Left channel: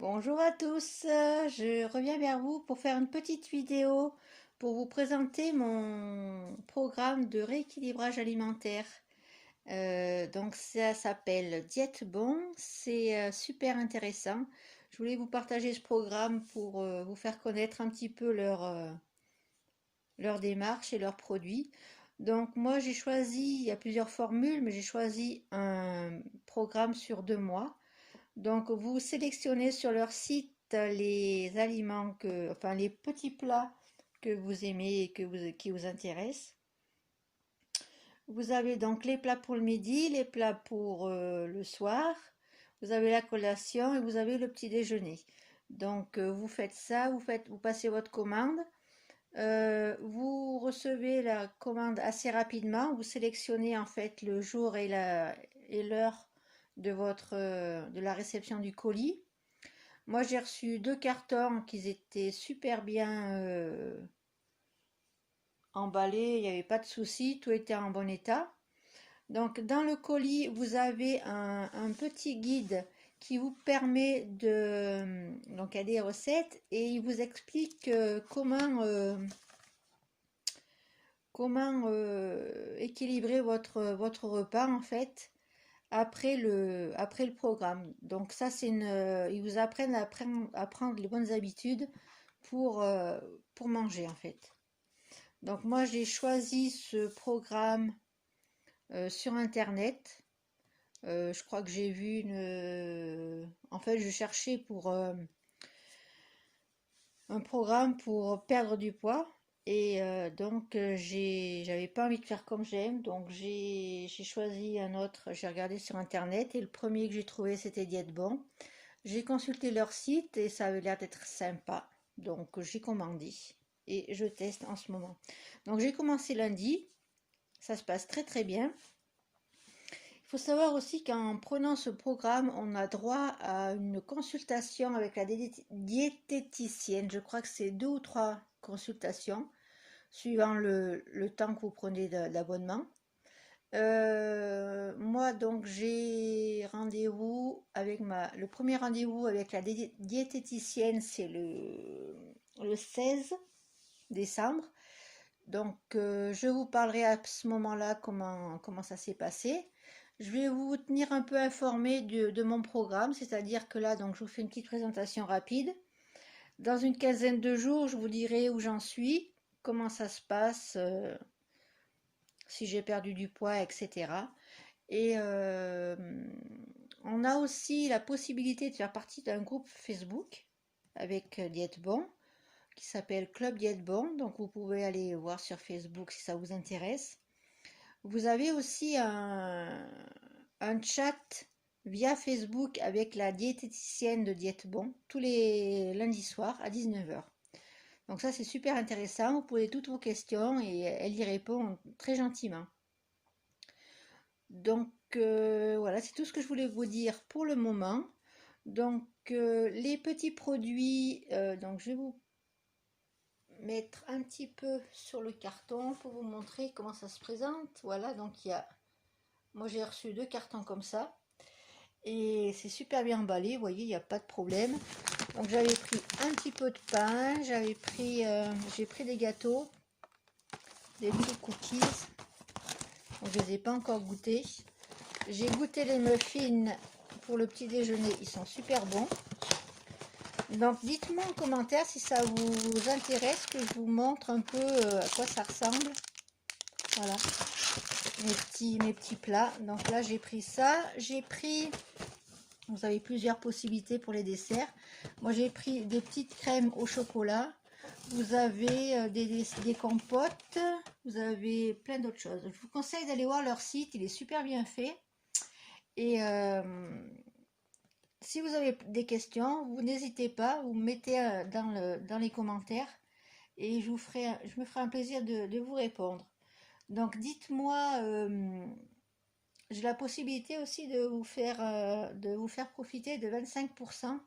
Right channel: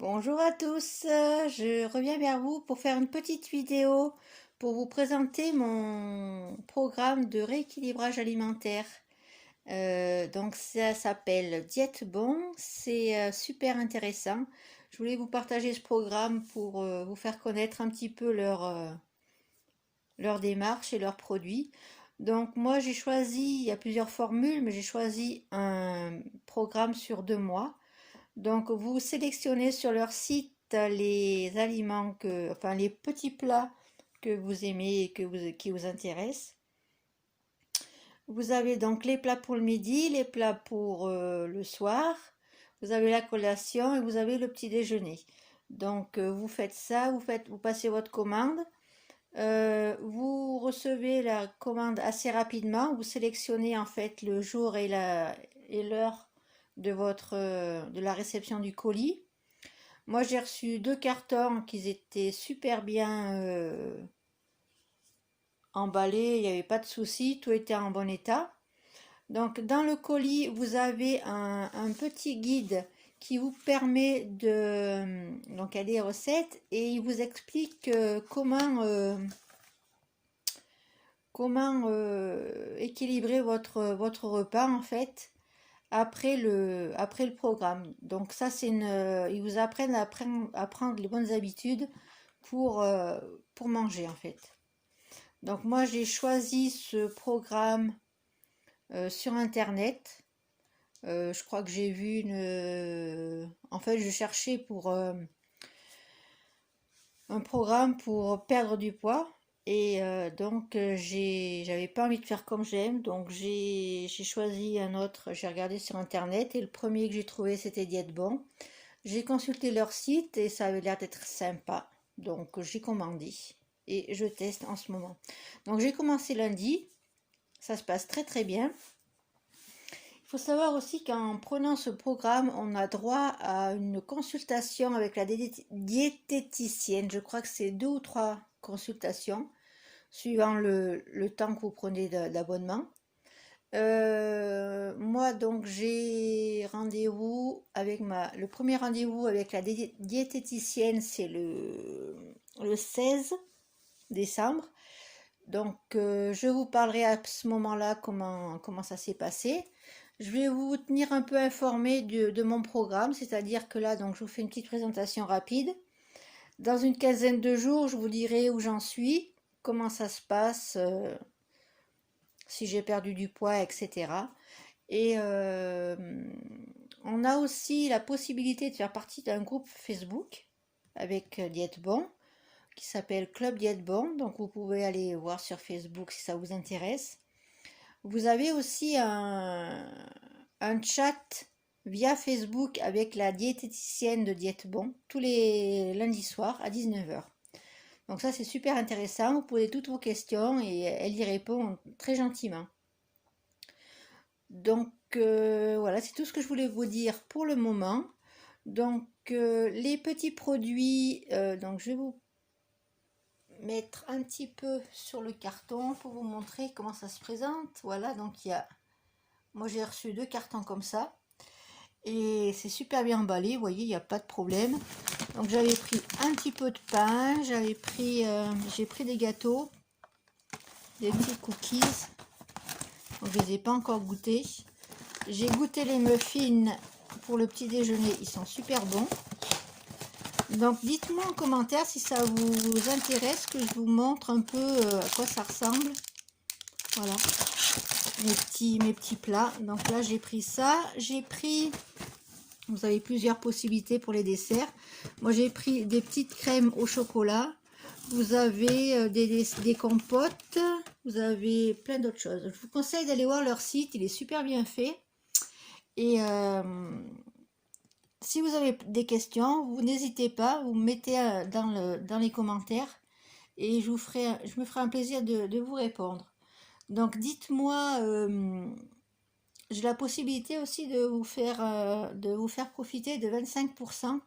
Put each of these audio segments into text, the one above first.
Bonjour à tous, je reviens vers vous pour faire une petite vidéo pour vous présenter mon programme de rééquilibrage alimentaire. Donc ça s'appelle Diète Bon, c'est super intéressant. Je voulais vous partager ce programme pour vous faire connaître un petit peu leur démarche et leurs produits. Donc moi j'ai choisi, il y a plusieurs formules, mais j'ai choisi un programme sur 2 mois. Donc, vous sélectionnez sur leur site les aliments enfin les petits plats que vous aimez et qui vous intéressent. Vous avez donc les plats pour le midi, les plats pour le soir. Vous avez la collation et vous avez le petit déjeuner. Donc, vous faites ça, vous passez votre commande. Vous recevez la commande assez rapidement. Vous sélectionnez en fait le jour et l'heure de la réception du colis. Moi, j'ai reçu 2 cartons qui étaient super bien emballés, il n'y avait pas de souci, tout était en bon état. Donc, dans le colis, vous avez un petit guide qui vous permet donc, il y a des recettes et il vous explique comment équilibrer votre repas en fait après le programme. Donc ça, ils vous apprennent à prendre les bonnes habitudes pour, euh, pour manger en fait. Donc moi, j'ai choisi ce programme sur Internet. Je crois que j'ai vu en fait, je cherchais pour un programme pour perdre du poids. Et donc, j'avais pas envie de faire comme j'aime, donc j'ai choisi un autre. J'ai regardé sur Internet et le premier que j'ai trouvé, c'était Diète Bon. J'ai consulté leur site et ça avait l'air d'être sympa, donc j'ai commandé et je teste en ce moment. Donc j'ai commencé lundi, ça se passe très très bien. Il faut savoir aussi qu'en prenant ce programme, on a droit à une consultation avec la diététicienne. Je crois que c'est 2 ou 3 consultations, suivant le temps que vous prenez d'abonnement. Moi, donc, j'ai rendez-vous avec le premier rendez-vous avec la diététicienne, c'est le 16 décembre. Donc, je vous parlerai à ce moment-là comment ça s'est passé. Je vais vous tenir un peu informé de mon programme, c'est-à-dire que là, donc, je vous fais une petite présentation rapide. Dans une quinzaine de jours, je vous dirai où j'en suis, comment ça se passe, si j'ai perdu du poids, etc. Et on a aussi la possibilité de faire partie d'un groupe Facebook avec Diète Bon qui s'appelle Club Diète Bon. Donc vous pouvez aller voir sur Facebook si ça vous intéresse. Vous avez aussi un chat via Facebook avec la diététicienne de Diète Bon tous les lundis soirs à 19h. Donc ça c'est super intéressant, vous posez toutes vos questions et elle y répond très gentiment. Donc voilà, c'est tout ce que je voulais vous dire pour le moment. Donc les petits produits, donc je vais vous mettre un petit peu sur le carton pour vous montrer comment ça se présente. Voilà, donc moi j'ai reçu 2 cartons comme ça et c'est super bien emballé, vous voyez, il n'y a pas de problème. Donc j'avais pris un petit peu de pain, j'ai pris des gâteaux, des petits cookies. Donc, je ne les ai pas encore goûtés. J'ai goûté les muffins pour le petit déjeuner, ils sont super bons. Donc dites-moi en commentaire si ça vous intéresse que je vous montre un peu à quoi ça ressemble. Voilà, mes petits plats. Donc là j'ai pris ça, vous avez plusieurs possibilités pour les desserts. Moi j'ai pris des petites crèmes au chocolat. Vous avez des compotes, vous avez plein d'autres choses. Je vous conseille d'aller voir leur site, il est super bien fait. Et si vous avez des questions, vous n'hésitez pas, vous mettez dans les commentaires et je me ferai un plaisir de vous répondre. Donc dites-moi, j'ai la possibilité aussi de vous faire profiter de 25%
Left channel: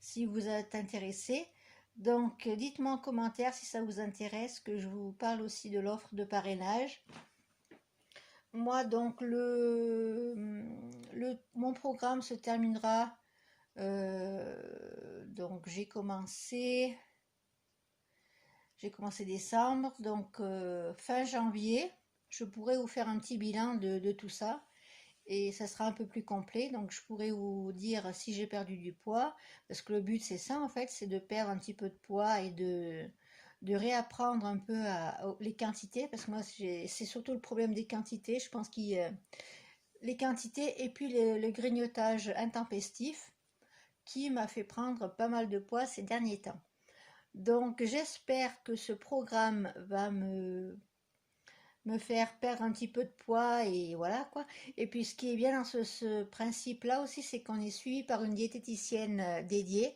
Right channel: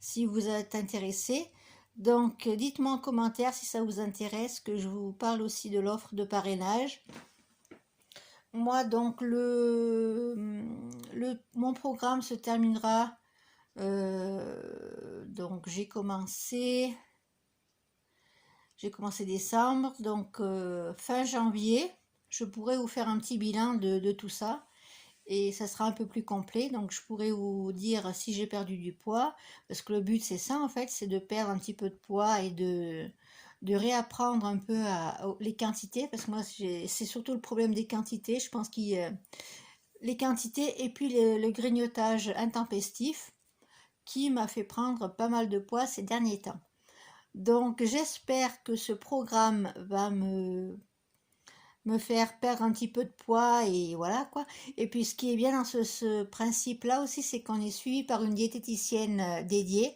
si vous êtes intéressé. Donc dites-moi en commentaire si ça vous intéresse, que je vous parle aussi de l'offre de parrainage. Moi donc mon programme se terminera donc j'ai commencé décembre, donc fin janvier, je pourrais vous faire un petit bilan de tout ça. Et ça sera un peu plus complet, donc je pourrais vous dire si j'ai perdu du poids, parce que le but c'est ça en fait, c'est de perdre un petit peu de poids et de réapprendre un peu les quantités, parce que moi c'est surtout le problème des quantités, je pense qu'il les quantités et puis le grignotage intempestif qui m'a fait prendre pas mal de poids ces derniers temps. Donc j'espère que ce programme va me faire perdre un petit peu de poids et voilà quoi. Et puis ce qui est bien dans ce principe-là aussi, c'est qu'on est suivi par une diététicienne dédiée.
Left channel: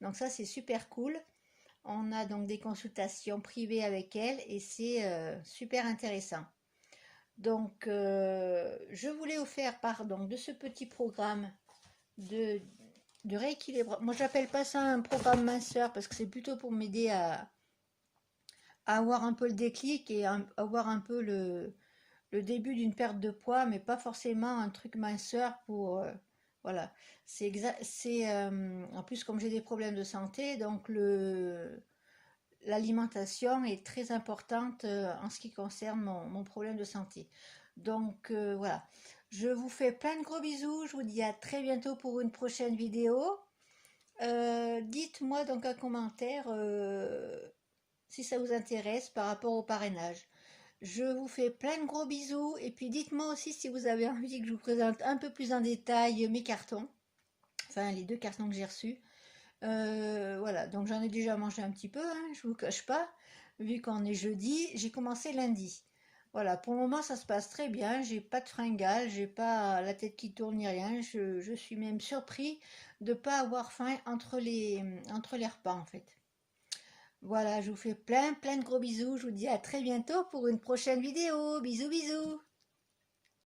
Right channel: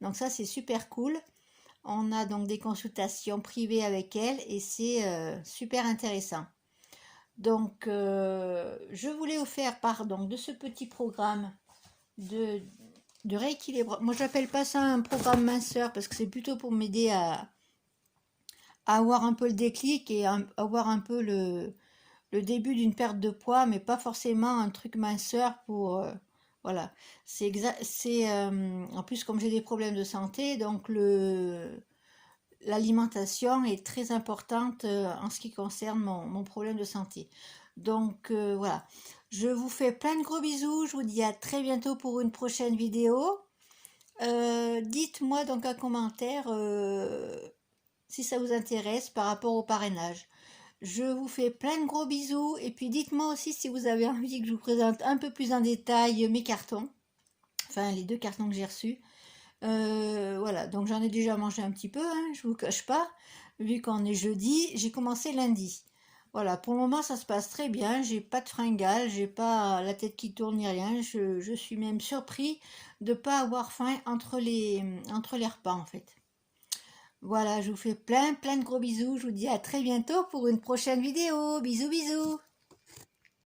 Donc ça, c'est super cool. On a donc des consultations privées avec elle et c'est super intéressant. Donc je voulais vous faire part donc, de ce petit programme de rééquilibrage. Moi, j'appelle pas ça un programme minceur parce que c'est plutôt pour m'aider à avoir un peu le déclic et avoir un peu le début d'une perte de poids, mais pas forcément un truc minceur pour... voilà, c'est exact. C'est en plus comme j'ai des problèmes de santé, donc l'alimentation est très importante en ce qui concerne mon problème de santé. Donc voilà, je vous fais plein de gros bisous. Je vous dis à très bientôt pour une prochaine vidéo. Dites-moi donc un commentaire si ça vous intéresse par rapport au parrainage. Je vous fais plein de gros bisous et puis dites-moi aussi si vous avez envie que je vous présente un peu plus en détail mes cartons, enfin les 2 cartons que j'ai reçus. Voilà, donc j'en ai déjà mangé un petit peu, hein, je vous cache pas, vu qu'on est jeudi, j'ai commencé lundi. Voilà, pour le moment ça se passe très bien, j'ai pas de fringales, j'ai pas la tête qui tourne ni rien, je suis même surpris de pas avoir faim entre les repas en fait. Voilà, je vous fais plein de gros bisous. Je vous dis à très bientôt pour une prochaine vidéo. Bisous bisous.